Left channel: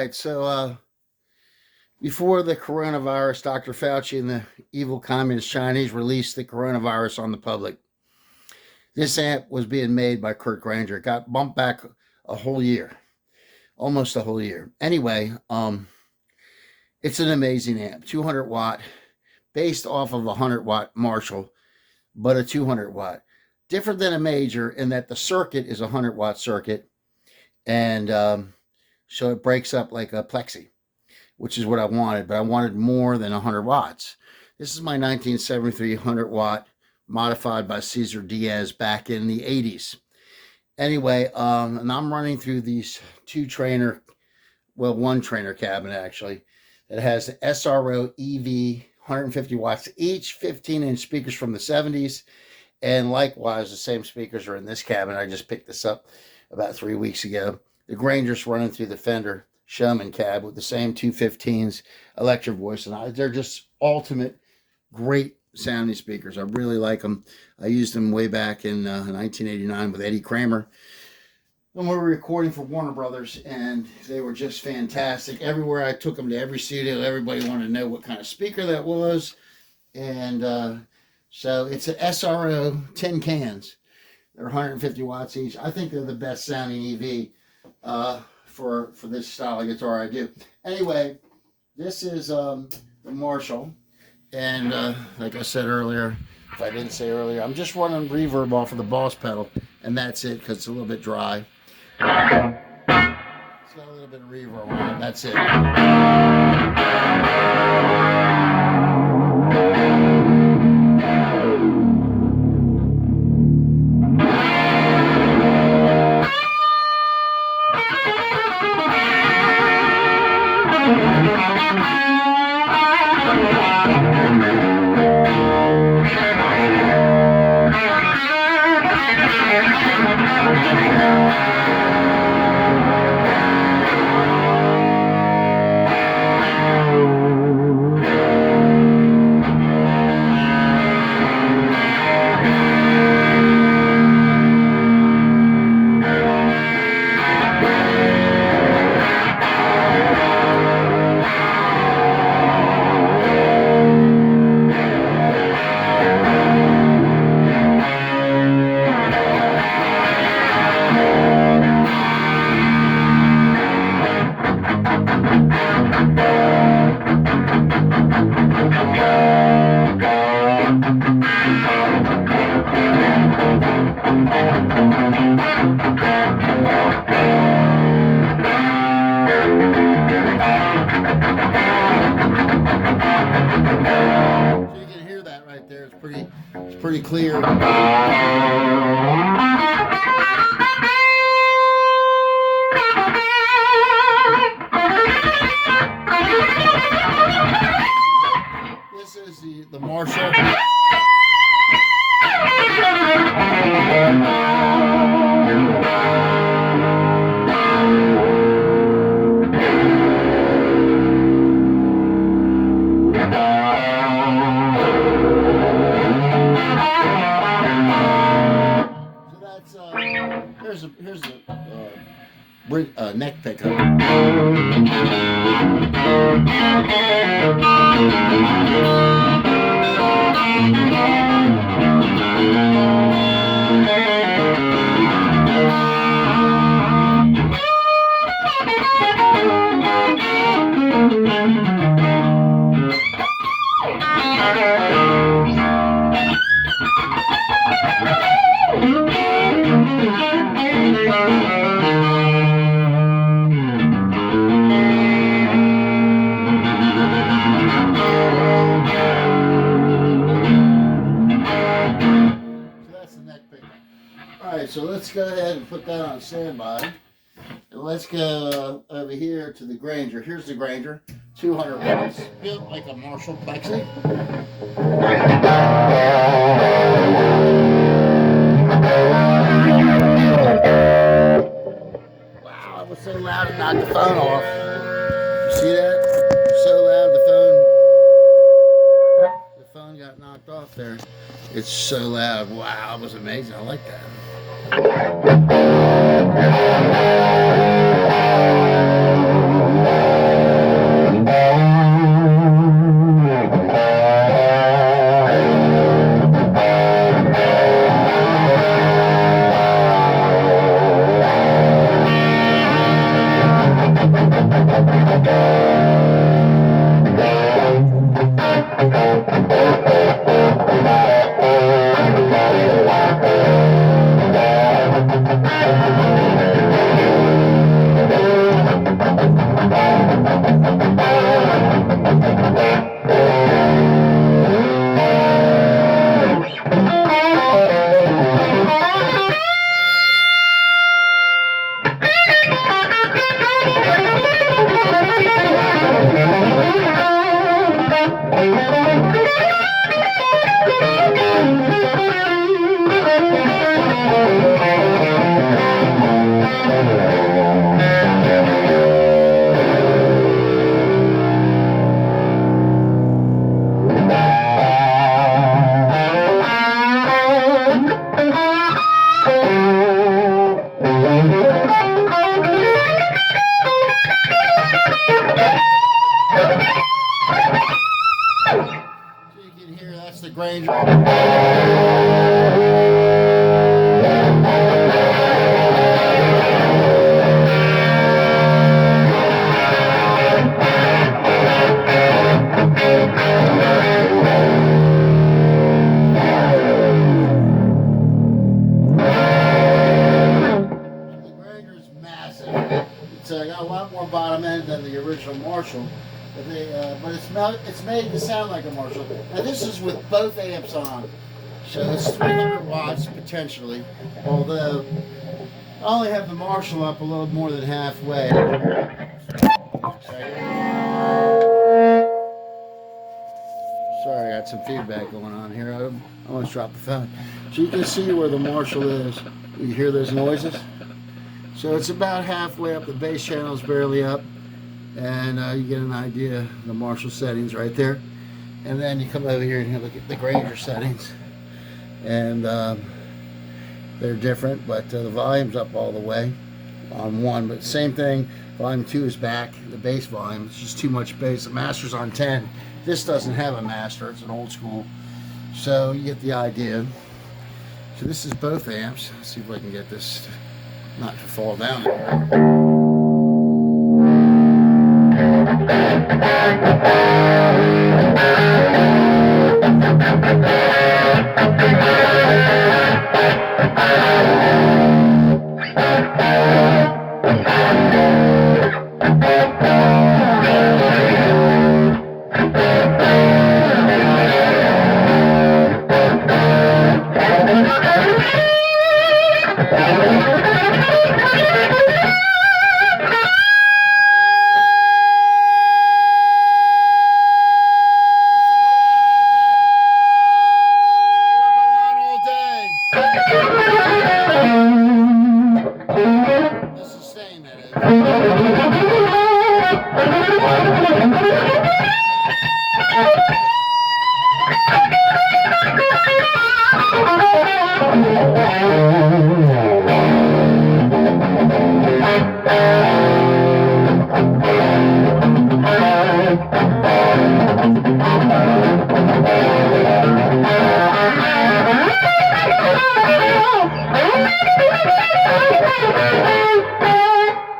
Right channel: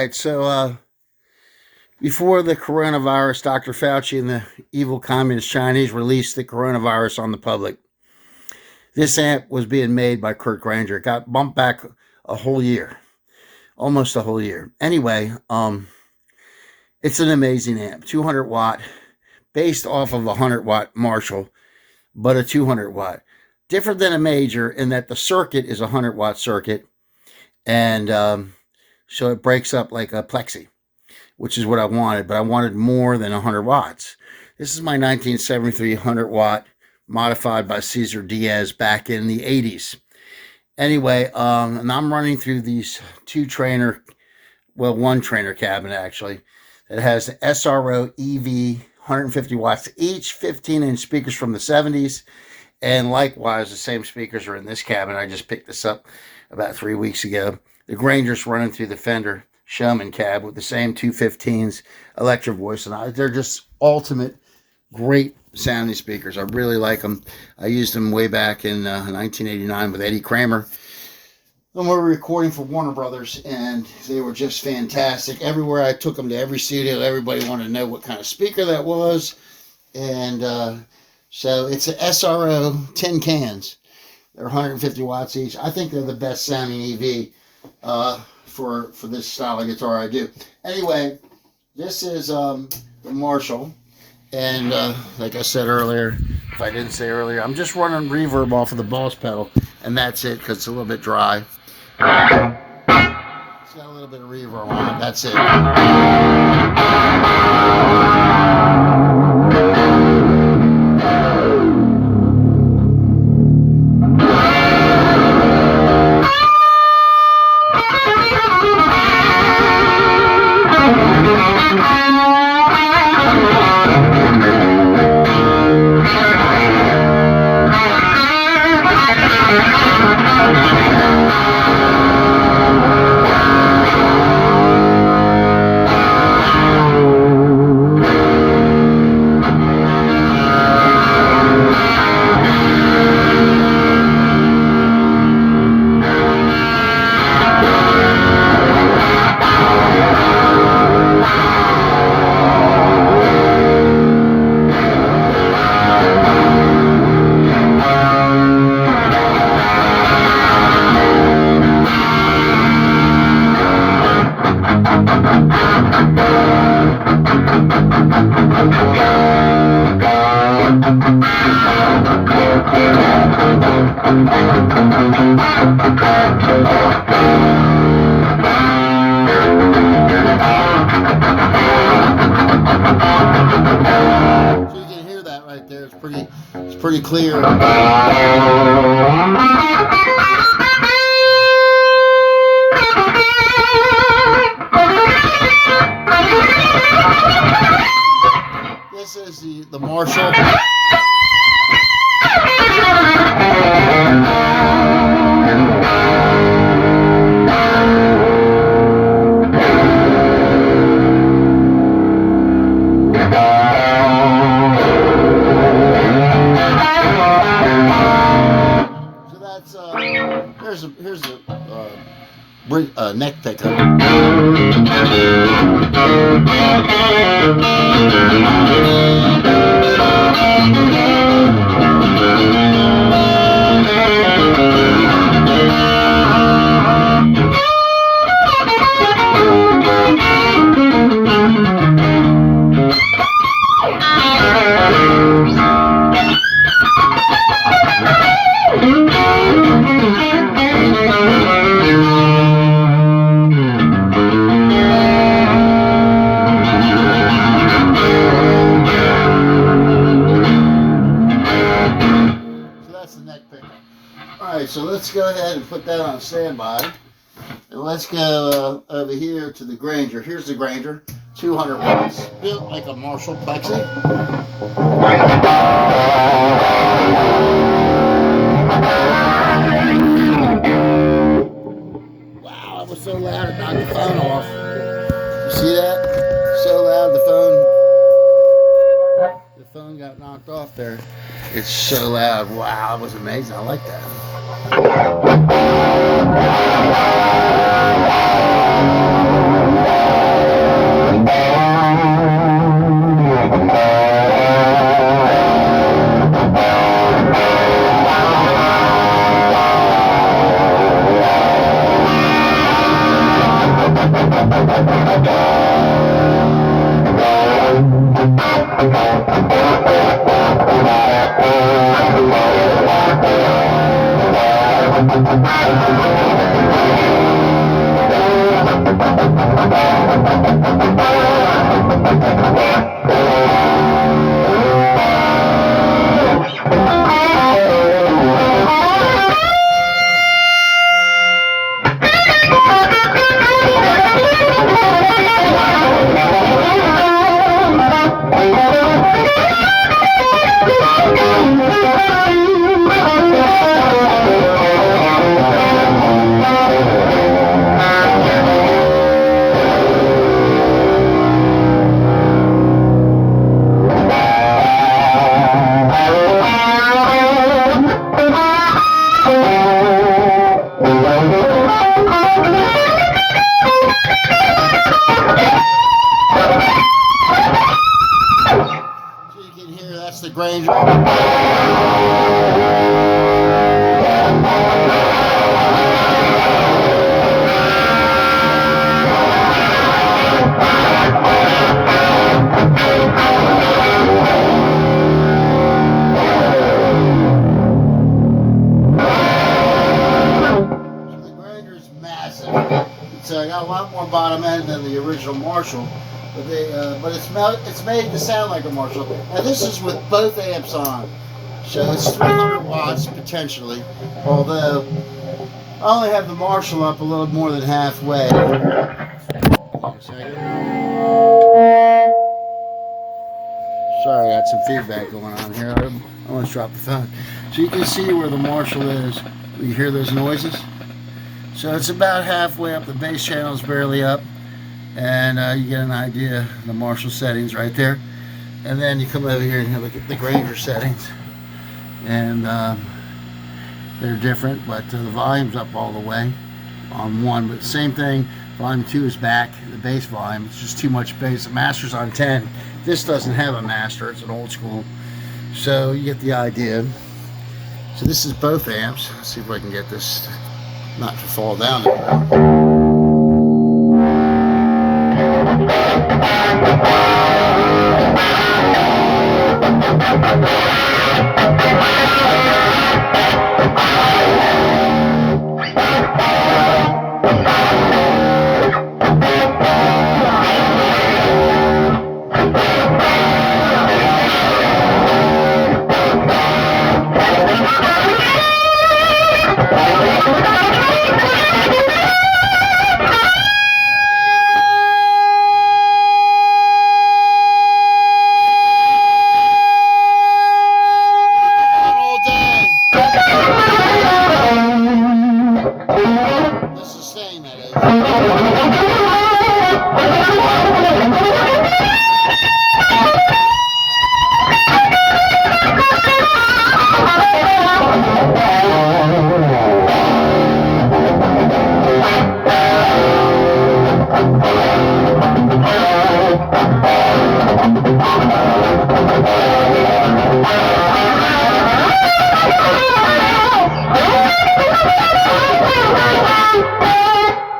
right, so before the coronavirus, Dr. Fauci and the evil communist Chinese released the coronavirus on the public. This amp was being made by Kurt Granger. It got bumped back a whole year, almost a whole year. Anyway, it's an amazing amp, 200 watt, based off of a 100 watt Marshall, but a 200 watt. Different than a major in that the circuit is a 100 watt circuit, and so it breaks up like a plexi, which is what I wanted, but I wanted more than 100 watts. This is my 1973 100 watt modified by Cesar Diaz back in the 80s. Anyway, and I'm running through these one trainer cabinet actually, that has the SRO EV 150 watts each, 15-inch speakers from the 70s, and likewise the same speakers are in this cabinet. I just picked this up about 3 weeks ago. The Granger's running through the Fender Showman cab with the same 215s, Electro Voice, and they're just ultimate great sounding speakers. I really like them. I used them way back in 1989 with Eddie Kramer. And we were recording for Warner Brothers, and they were just fantastic. Everywhere I took them, to every studio, everybody wanted to know what kind of speaker that was. And so it's an SRO 10 cans. They're 150 watts each. I think they're the best sounding EV for this style of guitar I do. Anyway, this is the Marshall. And like I said earlier, if I didn't say earlier, I'm just running reverb off of the Boss pedal, and that's it because it's a little bit dry. It's got a little bit of reverb on it. That's it. Pretty clear. This is the Marshall. Here's a neck pickup. So let's go ahead and put that on standby. And let's go over here to the Granger. Here's the Granger, 200 watts, built like a Marshall Plexi. Wow, it was so loud it knocked the phone off. You see that? So loud the phone got knocked off there. It's so loud. Wow, it was amazing. I like that. That's the Granger. So I got a lot more bottom end than the original Marshall, but it's made to sound like a Marshall. Now this is with both amps on, so it's 300 watts potentially. Although I only have the Marshall up a little more than halfway. Sorry, I got some feedback going on here. I almost dropped the phone. So you can see where the Marshall is. You hear those noises? So it's about halfway up. The bass channel is barely up, and you get an idea of the Marshall settings right there. And then you come over here and you look at the Granger settings, and they're different, but the volume's up all the way on one. But same thing, volume 2 is back. The bass volume, it's just too much bass. The master's on 10. This doesn't have a master, it's an old school. So you get the idea. So this is both amps. Let's see if I can get this not to fall down.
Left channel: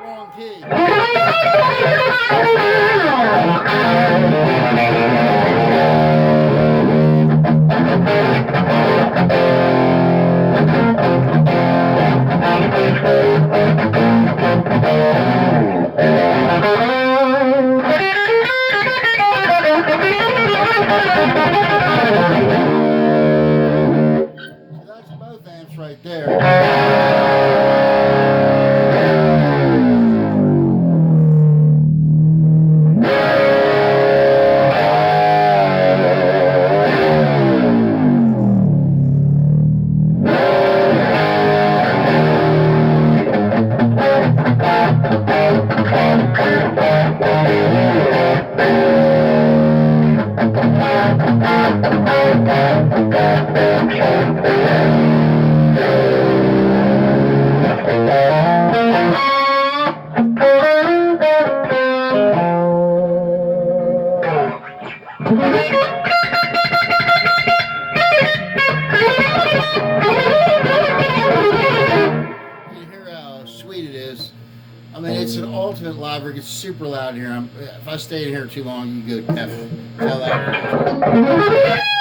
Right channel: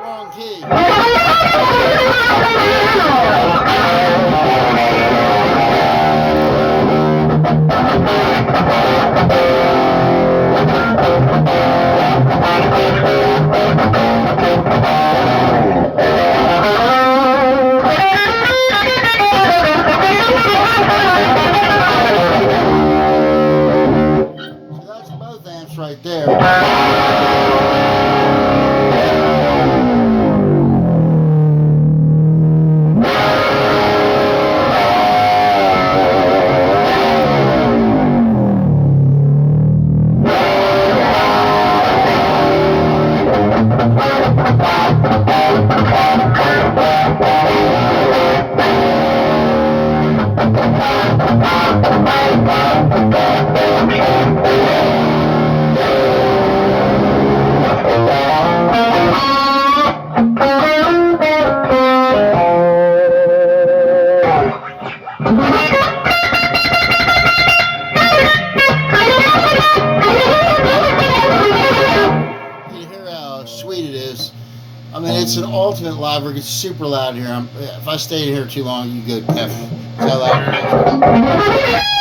Wrong key. I mean, it's an ultimate live rig. It's super loud here. If I stay in here too long, you go deaf. That's how loud it is.